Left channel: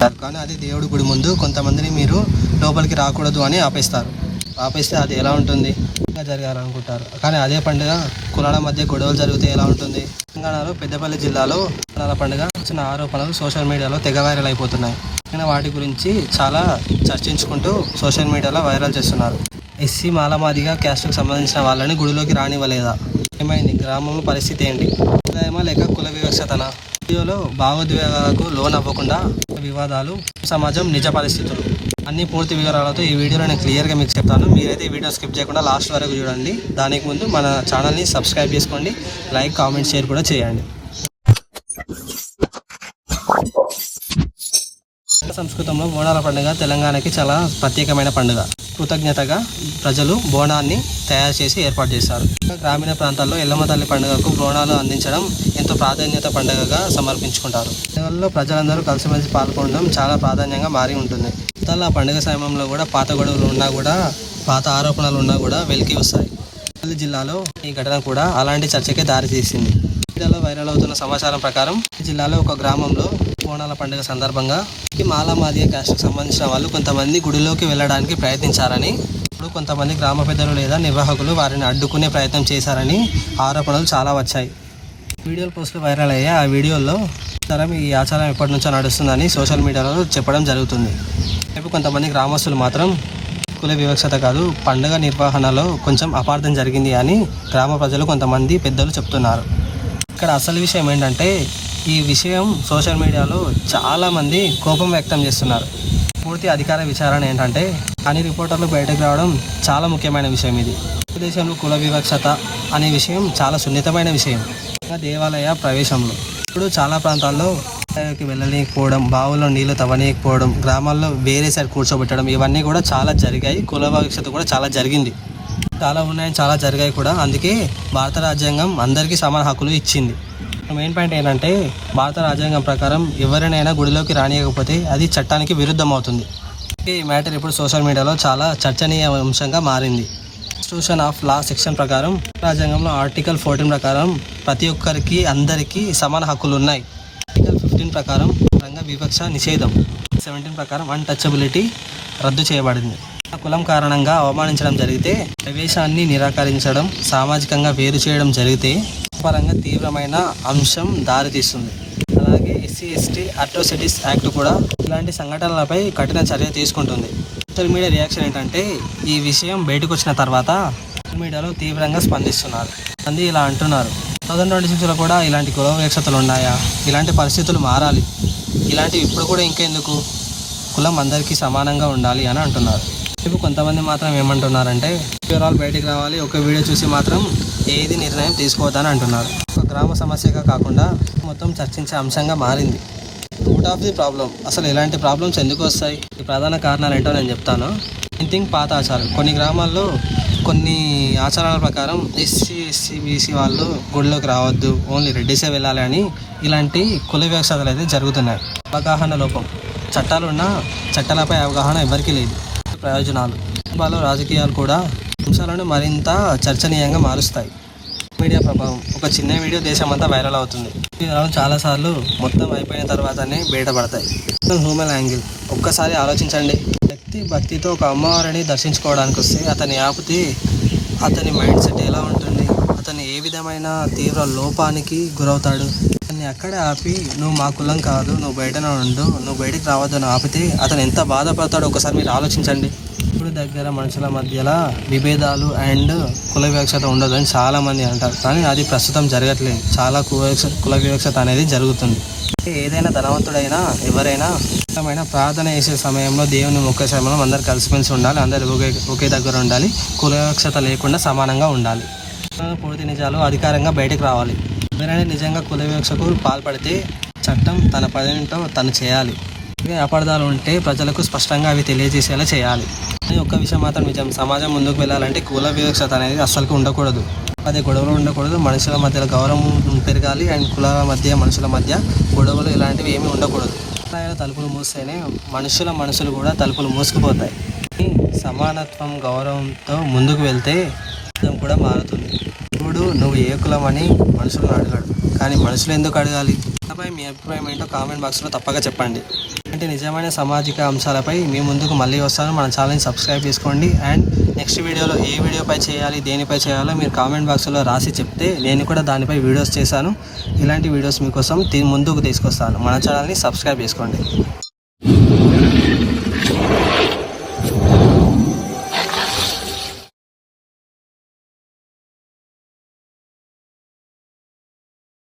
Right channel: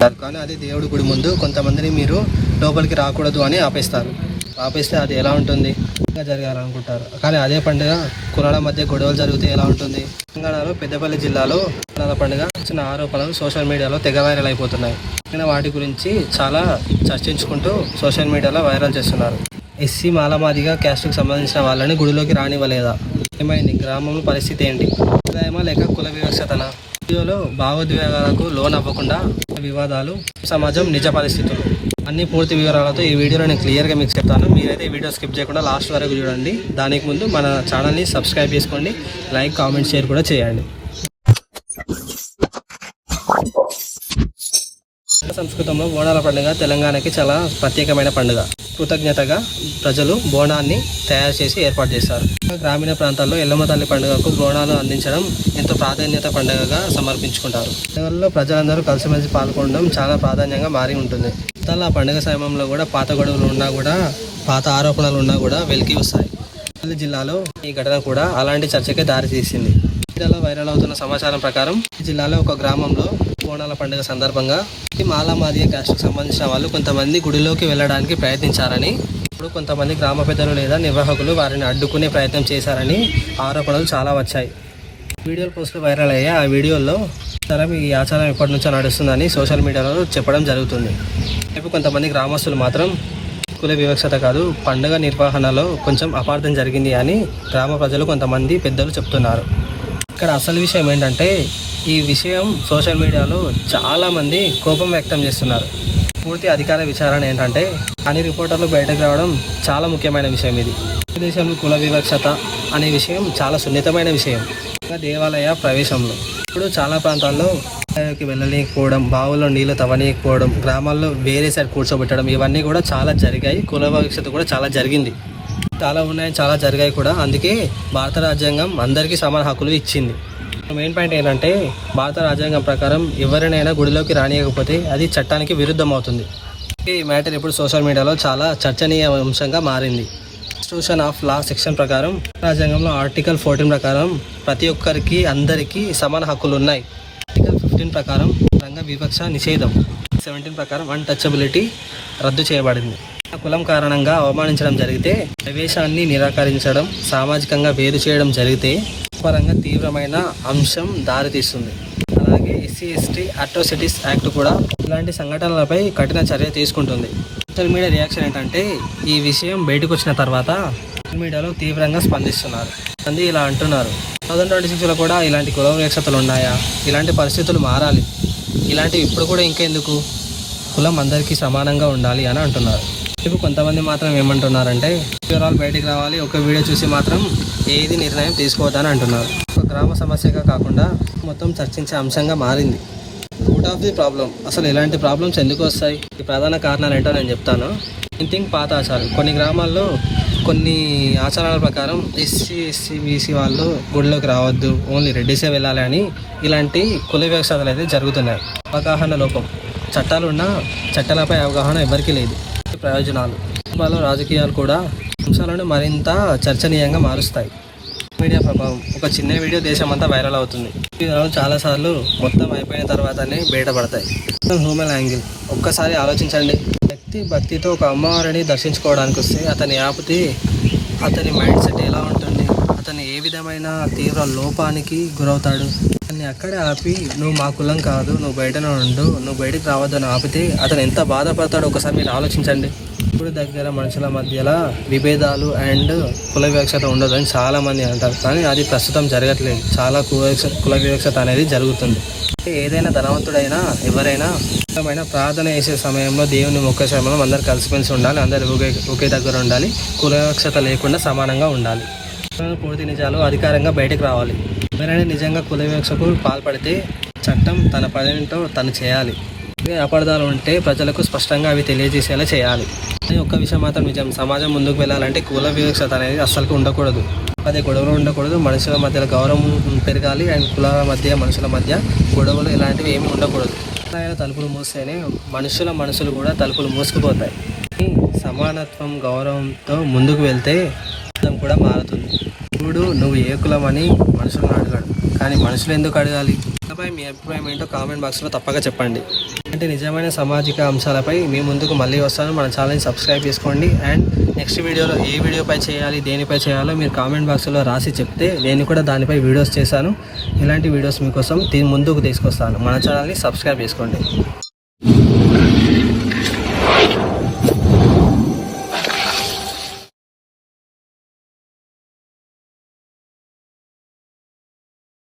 కానీ అది దేవుడి గుడి ముందు కొంతమందిని మీరు లోపలికి రాకూడదు అని ఆపేస్తే అది ఎలా ఉంటుంది జరగాలనుకుంటారు. కానీ అదే పండుగ కులాల మధ్య గొడవలు జరిగితే ఎలా ఉంటుంది? తెలంగాణలో పెద్దపల్లి జిల్లాలో కులాల పండుగ చిన్న ఆరోపణలు సోషల్ మీడియాలో తెగ వైరల్ అయిపోతున్నాయి. వాటి గురించి చాలా చర్చించుకుంటూ సోషల్ మీడియాలో వైరల్ చేస్తున్నారు. ఎస్సీ మాలమాదిగా క్యాస్ట్కు సంబంధించిన వాళ్ళని గుడిలోకి రానివ్వలేదా? ఏమైంది? గ్రామంలో పరిస్థితి ఏంటి? ఏమో లేక కుల వివక్షతనా? వీడియోలో భావోద్వేగాలకు లోన్ అవ్వకుండా వివాదాలు, సమాజం, నిజ పరిస్థితులు అన్ని పూర్తి వివరాలతో ఈ వీడియోలో నేను క్లియర్గా మీకు చెప్తాను. మీరైతే ఈ వీడియో స్కిప్ చేయకుండా లాస్ట్ వరకు చూడండి. దానికి ముందు మన ఛానల్ని సబ్స్క్రైబ్ చేసుకోండి, లైక్, కామెంట్, షేర్ కూడా చేయండి. సంస్కృతంలో బోనాల పండుగ తెలంగాణకి చాలా ప్రత్యేకమైన పండుగ. కృతజ్ఞతగా ప్రజలు బోనాన్ని తయారు చేసి ఏర్పాటు చేస్తారు. గ్రామీణ ప్రాంతాల్లో ఎల్లమ్మ తల్లి పండుగకు బోనాలు అందించడం ఎంతో ప్రాధాన్యత పండుగగా సమర్పించుకుంటారు. పండుగల్లో ప్రజలందరూ కలిసిమెలిసి పాల్గొనడం చాలా ప్రాధాన్యంగా మారి ఉంటుంది. ఆ పండుగ సమయంలో కూడా పాత గొడవలు ఉన్నా కూడా, పాత ఆరోపణలు ఉన్నా కూడా వెలికి వస్తాయి. పెద్దపల్లి జిల్లాలో ఈ ఘటన కూడా అలాంటి చర్చకే దారితీసింది. మీడియాలో వైరల్ అవుతున్న సమాచారం ప్రకారం జిల్లాలో ఒక గ్రామంలో బోనాల పండుగ సందర్భంగా మాలమాదిగ క్యాస్ట్కు సంబంధించిన వాళ్ళు కొంతమంది గుడిలోకి వెళ్ళడానికి ప్రయత్నించారని, ఇప్పుడు కొంతమంది గ్రామ పెద్దలు లేదా నిర్వాహకులు వారిని అడ్డుకునే ప్రయత్నం చేశారని ఆరోపణలు చాలా వచ్చాయి. వీడియోలు పోస్టులు వైరల్ అయ్యాయి. ఆ వీడియోల్లో ఈ ఆచారం ఎప్పటి నుంచో నడుస్తుందని సోషల్ మీడియాలో చెప్పడం జరుగుతుంది. రేపు కొంతమంది గ్రామస్తులు మాత్రం కుల వివక్షత కాదు, పండుగ నిర్వహణలో కొంచెం అపార్థం జరిగింది అని గ్రామ ప్రజలు కొంతమంది పెద్దలు చెప్తున్నారు. ఇక్కడ అసలు విషయం ఏంటంటే, ఈ విషయం సోషల్ మీడియాలో చాలామంది కోపం వ్యక్తం చేస్తున్నారు. పూర్తి అధికార విచారణ ఏంటంటే అని రిపోర్టర్లు బయటకు రావడం చాలా ముఖ్యమైన విషయం. ఇది దేశంలో కుల వివక్షత అనే విషయం చాలా సున్నితమైన విషయం. దేవాలయ ప్రవేశంలో ఇప్పుడు చాలా ప్రాంతాల్లో వెళ్ళలేకపోవడం, బావుల్లో నీళ్లు తవ్వలేకపోవడం, గ్రామాల్లో వేరే సైడ్ కూర్చోబెట్టడం, ఇవన్నీ కూడా చాలా జరిగాయి. కుల వివక్షత కూడా చాలా జరిగింది, చాలా ఉన్నాయని చాలా జరిగాయి కూడా. అందుకే భారత రాజ్యాంగం అందరికీ సమాన హక్కులు ఇచ్చింది. మెయిన్ పాయింట్ ఏంటంటే, భారత రాజ్యాంగం ప్రకారం ఎవరినైనా గుడిలోకి రానియకపోతే అది చట్టానికి విరుద్ధం అవుతుంది. ఈ మ్యాటర్ ఇప్పుడు సోషల్ మీడియాలో చాలా చర్చనీయాంశంగా మారింది. కాన్స్టిట్యూషన్ ఆఫ్ లా సెక్షన్ ప్రకారం, రాజ్యాంగంలో ఆర్టికల్ 14 ప్రకారం ప్రతి ఒక్కరికి అందరికీ సమాన హక్కులు ఉన్నాయి. ఆర్టికల్ 15 ప్రకారం రంగ వివక్ష నిషేధం, 17 ప్రకారం అన్టచబిలిటీ రద్దు చేయబడింది. కులం కారణంగా అవమానించడం జరిగితే, ప్రవేశాన్ని నిరాకరించడం, సామాజికంగా వేరు చేయడం జరిగితే పరంగా తీవ్రమైన అంశం దారితీస్తుంది. అలాగే ఎస్సీ ఎస్టీ అట్రాసిటీస్ యాక్ట్ కూడా ఇలాంటి సంఘటనలపై కఠిన చర్య తీసుకుంటుంది. సోషల్ మీడియా రియాక్షన్ ఏంటంటే, ఈ విషయం బయటకు వచ్చిన తర్వాత సోషల్ మీడియాలో తీవ్రంగా స్పందిస్తున్నారు. మంది ఇలా అంటున్నారు, 2026లో కూడా ఇలాంటి కుల వివక్షతలు ఉన్నాయా? ఇలాంటి పరిస్థితులు మారాలి. ఇలాంటివి ఇప్పుడు కూడా ఇంకెందుకు? కులం అందరికీ సమానంగా ఉండాలి అని అంటున్నారు. ఇప్పుడు కొంతమంది మాత్రం ఏమంటున్నారంటే, వివరాలు బయటకు రావాలి, ఒక వీడియో చూసి మాత్రం ఏది నిర్ణయం తీసుకోవద్దని అంటున్నారు. ఒక గ్రామ సమస్యగా కాకుండా మొత్తం చర్చించే అంశంగా మారింది. రూట్ ఆఫ్ ది ప్రాబ్లం, అసలు ఇలాంటి ప్రాబ్లమ్స్ ఎందుకు వస్తాయి? ఈ ప్రధాన కారణాలు ఏంటో నేను చెప్తాను. పాత ఆచారాలు. కొన్ని గ్రామాల్లో కొన్ని ఆచారాల ప్రకారం ఎస్సీ బీసీ వాళ్ళు గుడిలోకి రావద్దు, ఓన్లీ రెడ్డిసే వెళ్ళాలి అని ఇలాంటి కుల వివక్షతలు అయితే జరుగుతున్నాయి. అవగాహన లోపం, చట్టాలున్నా చట్టాలపై అవగాహన ఎవరికీ లేదు. ప్రయోజనాలు, వాళ్ళు రాజకీయాలు కూడా అంశాలను మరింత చర్చనీయంగా మారుస్తాయి. మీడియా ప్రభావం, ఒక చిన్న వీడియో దేశమంతా వైరల్ అవుతుంది. చాలాసార్లు మొత్తం అయిపోయిన తర్వాతనే బయటపడతాయి. హ్యూమన్ యాంగిల్, ఒక్కసారి ఆలోచించండి. వ్యక్తి భక్తితో ఒక అమ్మవారిని దర్శించుకోవడానికి వస్తే అతని ఆపితే అతని మైండ్ సెట్ ఎలా ఉంటుంది? అతను ఏ విధమైన తీవ్ర లోపానికి గురవుతాడు? అతన్ని అక్కడే ఆపి, నువ్వు మా కులం కాదు, నువ్వు బయటనే ఉండు, నువ్వు బయటికి రావద్దు అని ఆపితే అతను ఎంత బాధపడతాడో ఒకసారి మీరు ఆలోచించండి. ఇప్పుడు దగ్గర మనుషుల మధ్యలో విభేదాలు అండ్ కుల వివక్షత ఉండదని చాలామంది అంటారు, కానీ అది ప్రస్తుతం జరగట్లేదు. చాలా కుల వివక్షత అనేది జరుగుతుంది. ఏదైనా ధనవంతుడైనా ఎవరైనా ప్రార్థన చేసే సమయంలో, దేవుని మొక్కే సమయంలో అందరు కలిసిమెలిసి ఉండాలి, అందరు ఒకే దగ్గర ఉండాలి, కుల వివక్షత లేకుండా సమానంగా ఉండాలి. పూర్తి నిజాలు అధికారంగా బయటకు రావాలి. ఎవరైనా నిజంగా కుల వివక్షకు పాల్పడితే చట్టం తన పనితో తను చేయాలి. అపార్థాలు ఉంటే ప్రజలకు స్పష్టంగా అవి తెలియజేసేలా చేయాలి. కానీ ఒక్క విషయం మాత్రం నిజం, సమాజం ముందుకు వెళ్ళాలంటే కుల వివక్షత అనేది అస్సలు ఉండకూడదు. అదే గొడవలు ఉండకూడదు, మనుషుల మధ్యలో గౌరవం పెరగాలి. అండ్ కులాల మధ్య, మనుషుల మధ్య గొడవలు ఇలాంటివి ఏమీ ఉండకూడదు. తలుపులు మూస్తేనే మనుషులు కూడా తలుపులు మూసుకుపోతాయి. సమానత్వం, గౌరవంతో ముందుకు వెళ్తే కూడా మారుతుంది. ఇప్పుడు నువ్వు ఏ కులం అని మనుషులను అడగాడు, కానీ మనుషులు ఎందుకు అడగాలి? వీడియోపై మీ అభిప్రాయం ఏంటో కామెంట్ బాక్స్లో తప్పక చెప్పండి. అంటే నిజమైన సామాజిక అంశాలపై మీ ముందుకు మళ్ళీ వస్తాను. మన ఛానల్ని సబ్స్క్రైబ్ చేసుకోండి. అండ్ నెక్స్ట్ వీడియోలో ఏ వీడియోపై చేయాలి, దేనిపై చేయాలో మీరు కామెంట్ బాక్స్లో రాసి చెప్తే నేను కూడా దానిపై వీడియోస్ చేశాను. ఇలాంటి వీడియోస్ మీకోసం ముందుకు తీసుకొస్తాను. మన ఛానల్ని సబ్స్క్రైబ్ చేసుకోండి.